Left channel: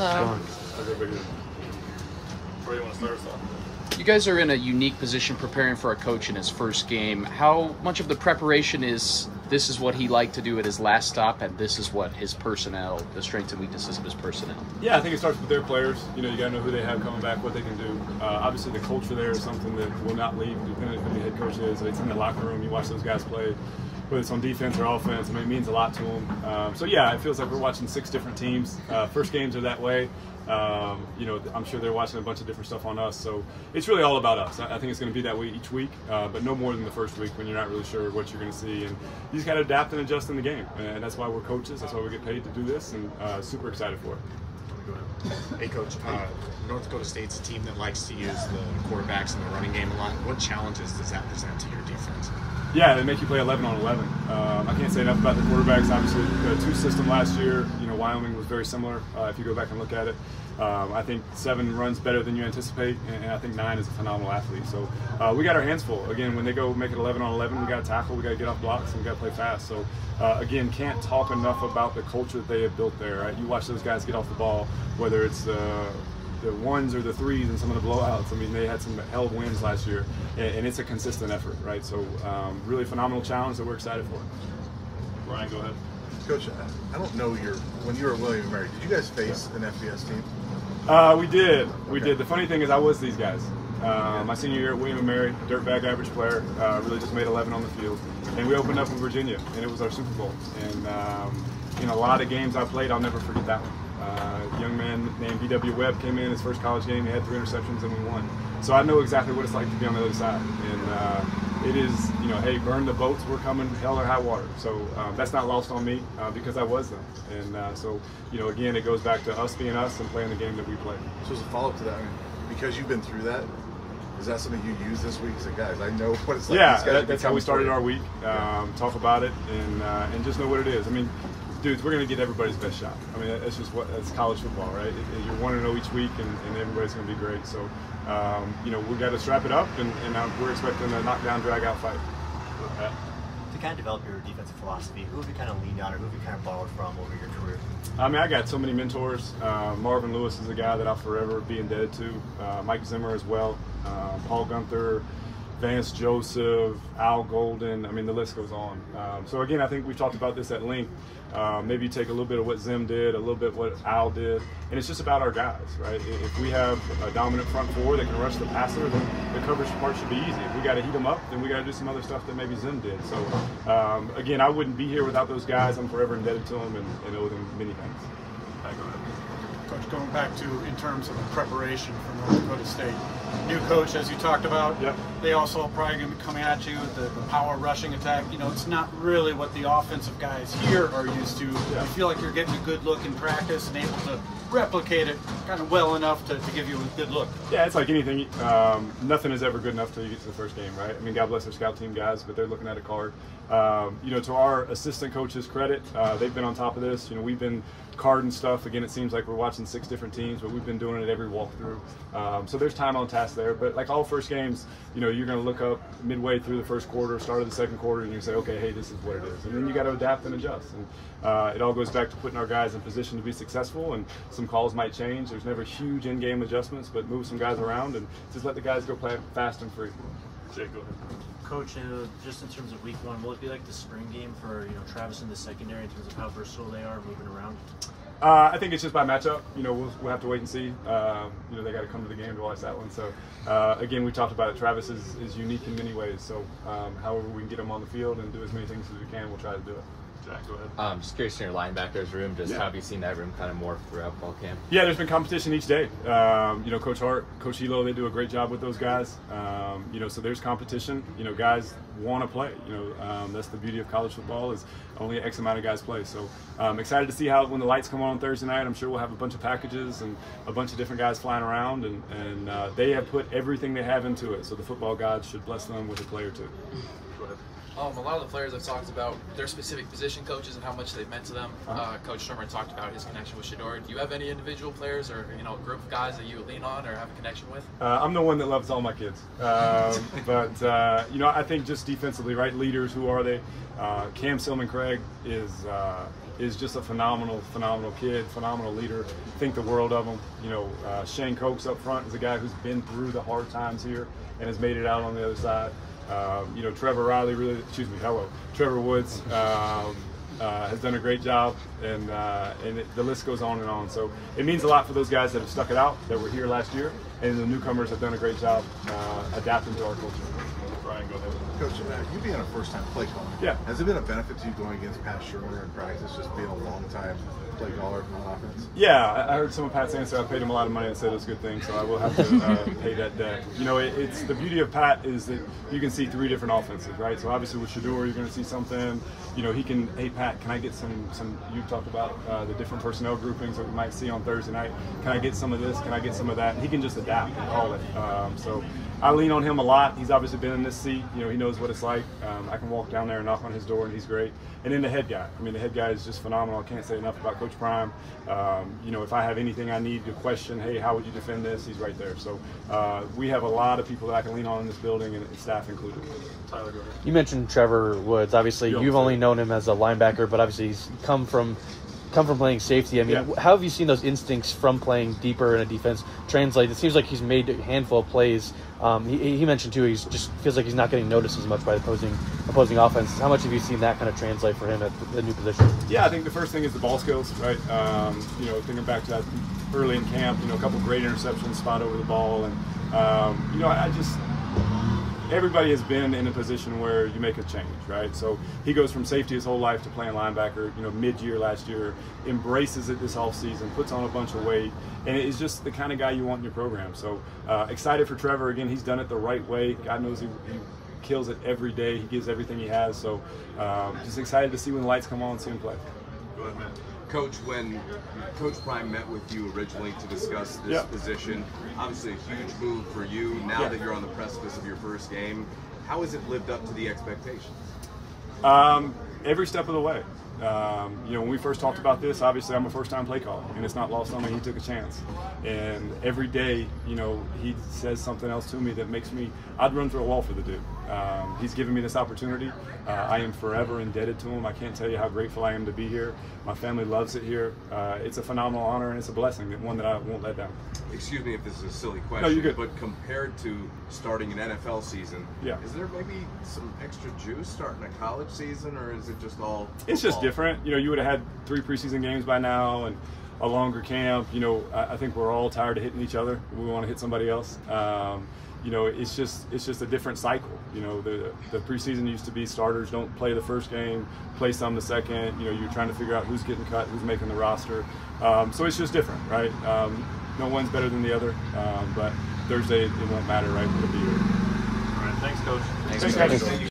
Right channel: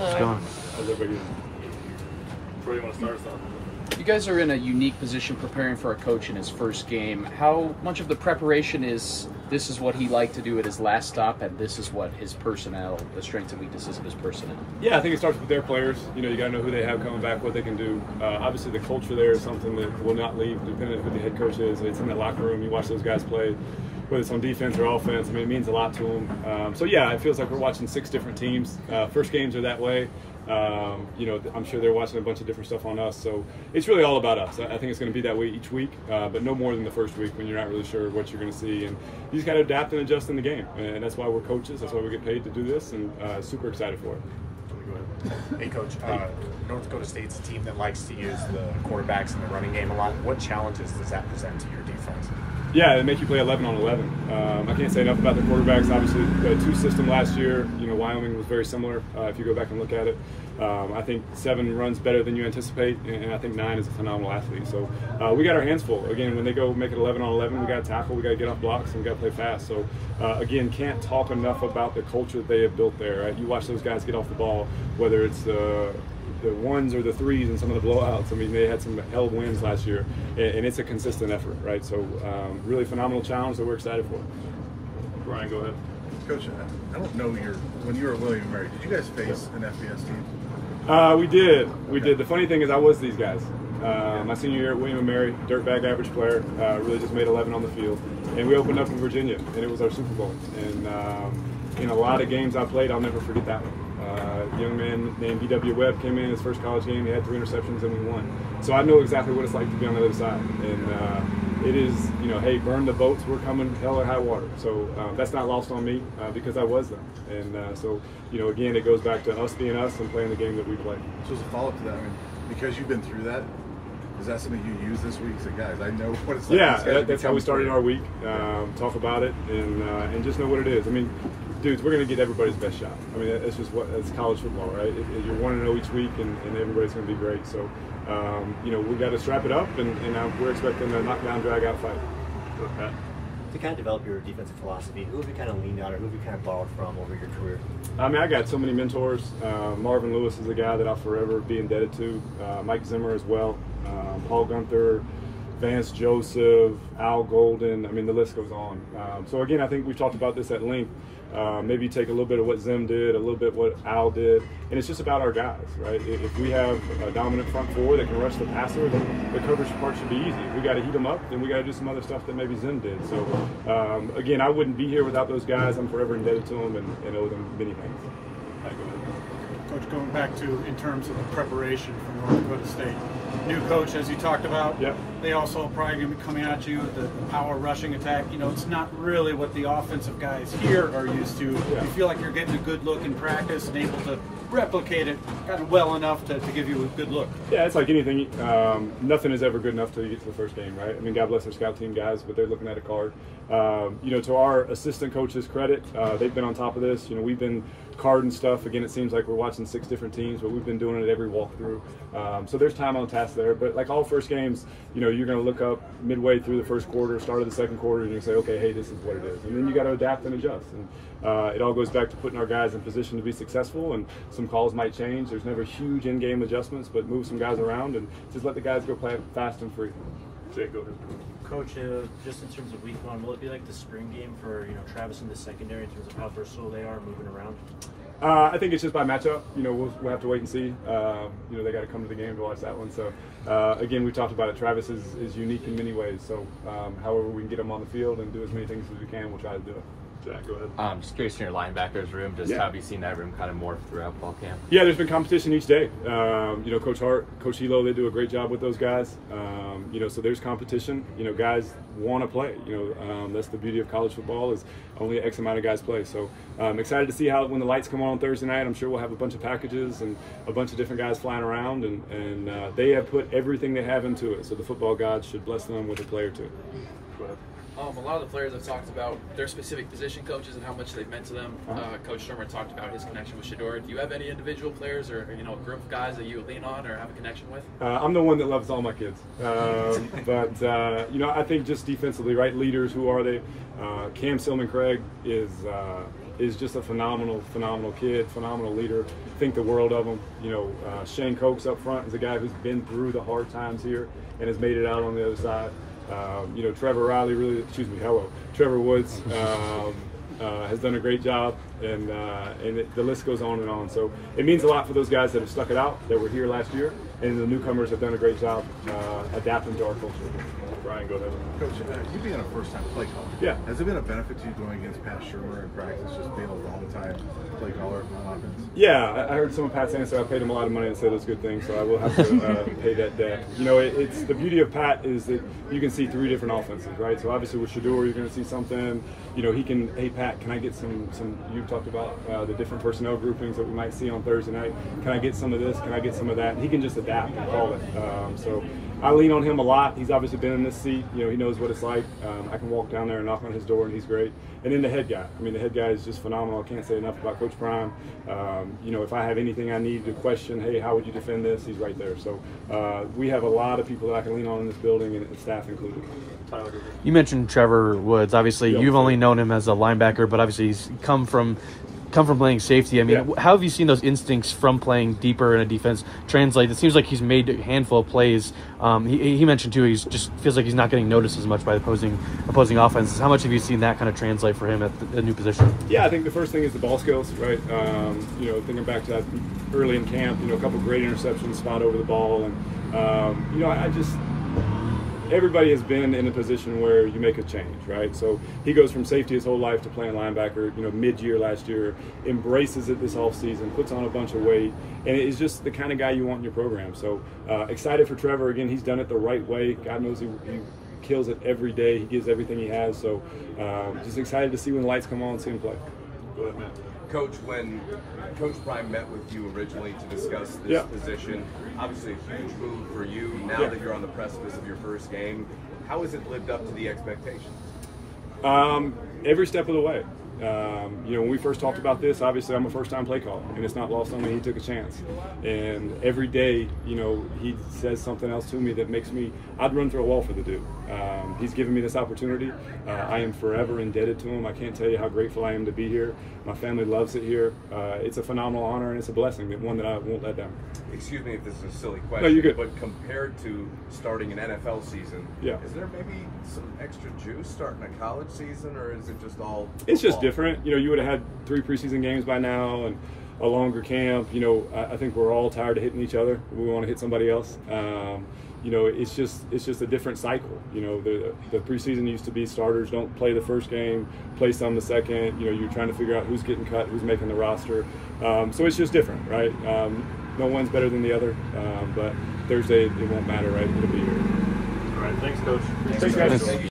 How's everybody doing? Where do you want to start us off? You guys are in a unique position preparing for a coach in his first game. How much of the preparation is this is what he liked to do at his last stop, and this is what his personnel, the strengths and weaknesses of his personnel? Yeah, I think it starts with their players. You got to know who they have coming back, what they can do. Obviously, the culture there is something that will not leave, depending on who the head coach is. It's in the locker room. You watch those guys play, whether it's on defense or offense. I mean, it means a lot to them. So, yeah, it feels like we're watching 6 different teams. First games are that way. I'm sure they're watching a bunch of different stuff on us. So it's really all about us. I think it's going to be that way each week, but no more than the first week when you're not really sure what you're going to see. And you just got to adapt and adjust in the game. And that's why we're coaches. That's why we get paid to do this, and super excited for it. Go ahead. Hey, Coach. North Dakota State's a team that likes to use the quarterbacks in the running game a lot. What challenges does that present to your defense? Yeah, they make you play 11 on 11. I can't say enough about the quarterbacks. Obviously, the 2 system last year, Wyoming was very similar. If you go back and look at it, I think 7 runs better than you anticipate, and I think 9 is a phenomenal athlete. So we got our hands full. Again, when they go make it 11 on 11, we got to tackle, we got to get off blocks, and we got to play fast. So again, can't talk enough about the culture that they have built there. Right? You watch those guys get off the ball, whether it's the 1s or the 3s and some of the blowouts. I mean, they had some hell wins last year, and it's a consistent effort, right? So really phenomenal challenge that we're excited for. Ryan, go ahead. Coach, I don't know when you were at William & Mary, did you guys face an FBS team? We did. We did. The funny thing is I was these guys. My senior year at William & Mary, dirtbag average player, really just made 11 on the field. And we opened up in Virginia, and it was our Super Bowl. And in a lot of games I played, I'll never forget that one. A young man named B.W. Webb came in his first college game. He had 3 interceptions and we won. So I know exactly what it's like to be on the other side. And it is, hey, burn the boats. We're coming hell or high water. So that's not lost on me because I was them. And so, again, it goes back to us being us and playing the game that we play. So as a follow-up to that, because you've been through that, is that something you use this week? So guys, I know what it's like. Yeah, that's how we started our week. Talk about it and just know what it is. I mean, dudes, we're going to get everybody's best shot. I mean, it's just it's college football, right? You're 1-0 each week, and everybody's going to be great. So, we got to strap it up, and we're expecting a knockdown, drag-out fight. To kind of develop your defensive philosophy, who have you kind of leaned on, or who have you kind of borrowed from over your career? I mean, I got so many mentors. Marvin Lewis is a guy that I'll forever be indebted to. Mike Zimmer as well. Paul Gunther, Vance Joseph, Al Golden. I mean, the list goes on. So again, I think we've talked about this at length. Maybe you take a little bit of what Zim did, a little bit what Al did, and it's just about our guys, right? If we have a dominant front 4 that can rush the passer, then the coverage part should be easy. If we got to heat them up, then we got to do some other stuff that maybe Zim did. So again, I wouldn't be here without those guys. I'm forever indebted to them and owe them many things. All right, go ahead. Coach, going back to in terms of the preparation from North Dakota State, new coach, as you talked about, yep. They also are probably going to be coming at you with the power rushing attack. It's not really what the offensive guys here are used to. Yeah. You feel like you're getting a good look in practice and able to replicate it kind of well enough to give you a good look. Yeah, it's like anything. Nothing is ever good enough till you get to the first game, right? I mean, God bless our scout team guys, but they're looking at a card. To our assistant coaches' credit, they've been on top of this. We've been carding stuff. Again, it seems like we're watching 6 different teams, but we've been doing it every walkthrough. So there's time on task there. But like all first games, you're going to look up midway through the first quarter, start of the second quarter, and you say, okay, hey, this is what it is. And then you got to adapt and adjust. And it all goes back to putting our guys in position to be successful. And some calls might change. There's never huge in-game adjustments, but move some guys around and just let the guys go play fast and free. Jake, go ahead. Coach, just in terms of week 1, will it be like the spring game for Travis in the secondary in terms of how versatile they are moving around? I think it's just by matchup. We'll have to wait and see. They got to come to the game to watch that one. So again, we talked about it. Travis is unique in many ways. So however we can get him on the field and do as many things as we can, we'll try to do it. Jack, go ahead. I'm just curious in your linebackers room, just how have you seen that room kind of morph throughout fall camp? Yeah, there's been competition each day. Coach Hart, Coach Hilo, they do a great job with those guys. So there's competition. Guys want to play. That's the beauty of college football is only X amount of guys play. So I'm excited to see how when the lights come on Thursday night, I'm sure we'll have a bunch of packages and a bunch of different guys flying around. And they have put everything they have into it. So the football gods should bless them with a play or two. Go ahead. A lot of the players have talked about their specific position coaches and how much they've meant to them. Coach Shermer talked about his connection with Shedeur. Do you have any individual players or a group of guys that you lean on or have a connection with? I'm the one that loves all my kids, but I think just defensively, right? Leaders, who are they? Cam Silman Craig is is just a phenomenal kid, phenomenal leader. Think the world of him. You know, Shane Cokes up front is a guy who's been through the hard times here and has made it out on the other side. You know, Trevor Woods has done a great job, and the list goes on and on. So it means a lot for those guys that have stuck it out, that were here last year, and the newcomers have done a great job adapting to our culture. Brian, go ahead. Coach, you being a first-time play caller, yeah, has it been a benefit to you going against Pat Shermer in practice, just being a long-time play caller on offense? Yeah, I heard some of Pat's answer. I paid him a lot of money and said those good things, so I will have to pay that debt. You know, it's the beauty of Pat is that you can see 3 different offenses, right? So obviously with Shedeur, you're going to see something. You know, he can. Hey Pat, can I get some? You talked about the different personnel groupings that we might see on Thursday night. Can I get some of this? Can I get some of that? And he can just adapt and call it. So I lean on him a lot. He's obviously been in this seat. You know, he knows what it's like. I can walk down there and knock on his door, and he's great. And then the head guy. I mean, the head guy is just phenomenal. I can't say enough about Coach Prime. You know, if I have anything I need to question, hey, how would you defend this? He's right there. So we have a lot of people that I can lean on in this building, and staff included. Tyler, go ahead. You mentioned Trevor Woods. Obviously, you've only known him as a linebacker, but obviously he's come from playing safety. I mean, how have you seen those instincts from playing deeper in a defense translate? It seems like he's made a handful of plays. He mentioned too, he's just feels like he's not getting noticed as much by the opposing offenses. How much have you seen that kind of translate for him at the new position? Yeah, I think the first thing is the ball skills, right? You know, thinking back to early in camp, you know, a couple great interceptions, spot over the ball, and you know, everybody has been in a position where you make a change, right? So he goes from safety his whole life to playing linebacker, you know, mid-year last year, embraces it this offseason, puts on a bunch of weight, and is just the kind of guy you want in your program. So excited for Trevor. Again, he's done it the right way. God knows he kills it every day. He gives everything he has. So just excited to see when the lights come on and see him play. Go ahead, man. Coach, when Coach Prime met with you originally to discuss this position, obviously a huge move for you. Now that you're on the precipice of your first game, how has it lived up to the expectations? Every step of the way. You know, when we first talked about this, obviously I'm a first-time play caller, and it's not lost on me. He took a chance, and every day, you know, he says something else to me that makes me. I'd run through a wall for the dude. He's given me this opportunity. I am forever indebted to him. I can't tell you how grateful I am to be here. My family loves it here. It's a phenomenal honor, and it's a blessing, one that I won't let down. Excuse me if this is a silly question, no, you're good. But compared to starting an NFL season, is there maybe some extra juice starting a college season, or is it just all football? It's just different. You know, you would have had 3 preseason games by now and a longer camp. You know, I think we're all tired of hitting each other. We want to hit somebody else. You know, it's just a different cycle. You know, the preseason used to be starters don't play the first game, play some the second. You know, you're trying to figure out who's getting cut, who's making the roster. So it's just different, right? No one's better than the other. But Thursday it won't matter, right? It'll be here. All right, thanks, Coach. Thanks, Coach.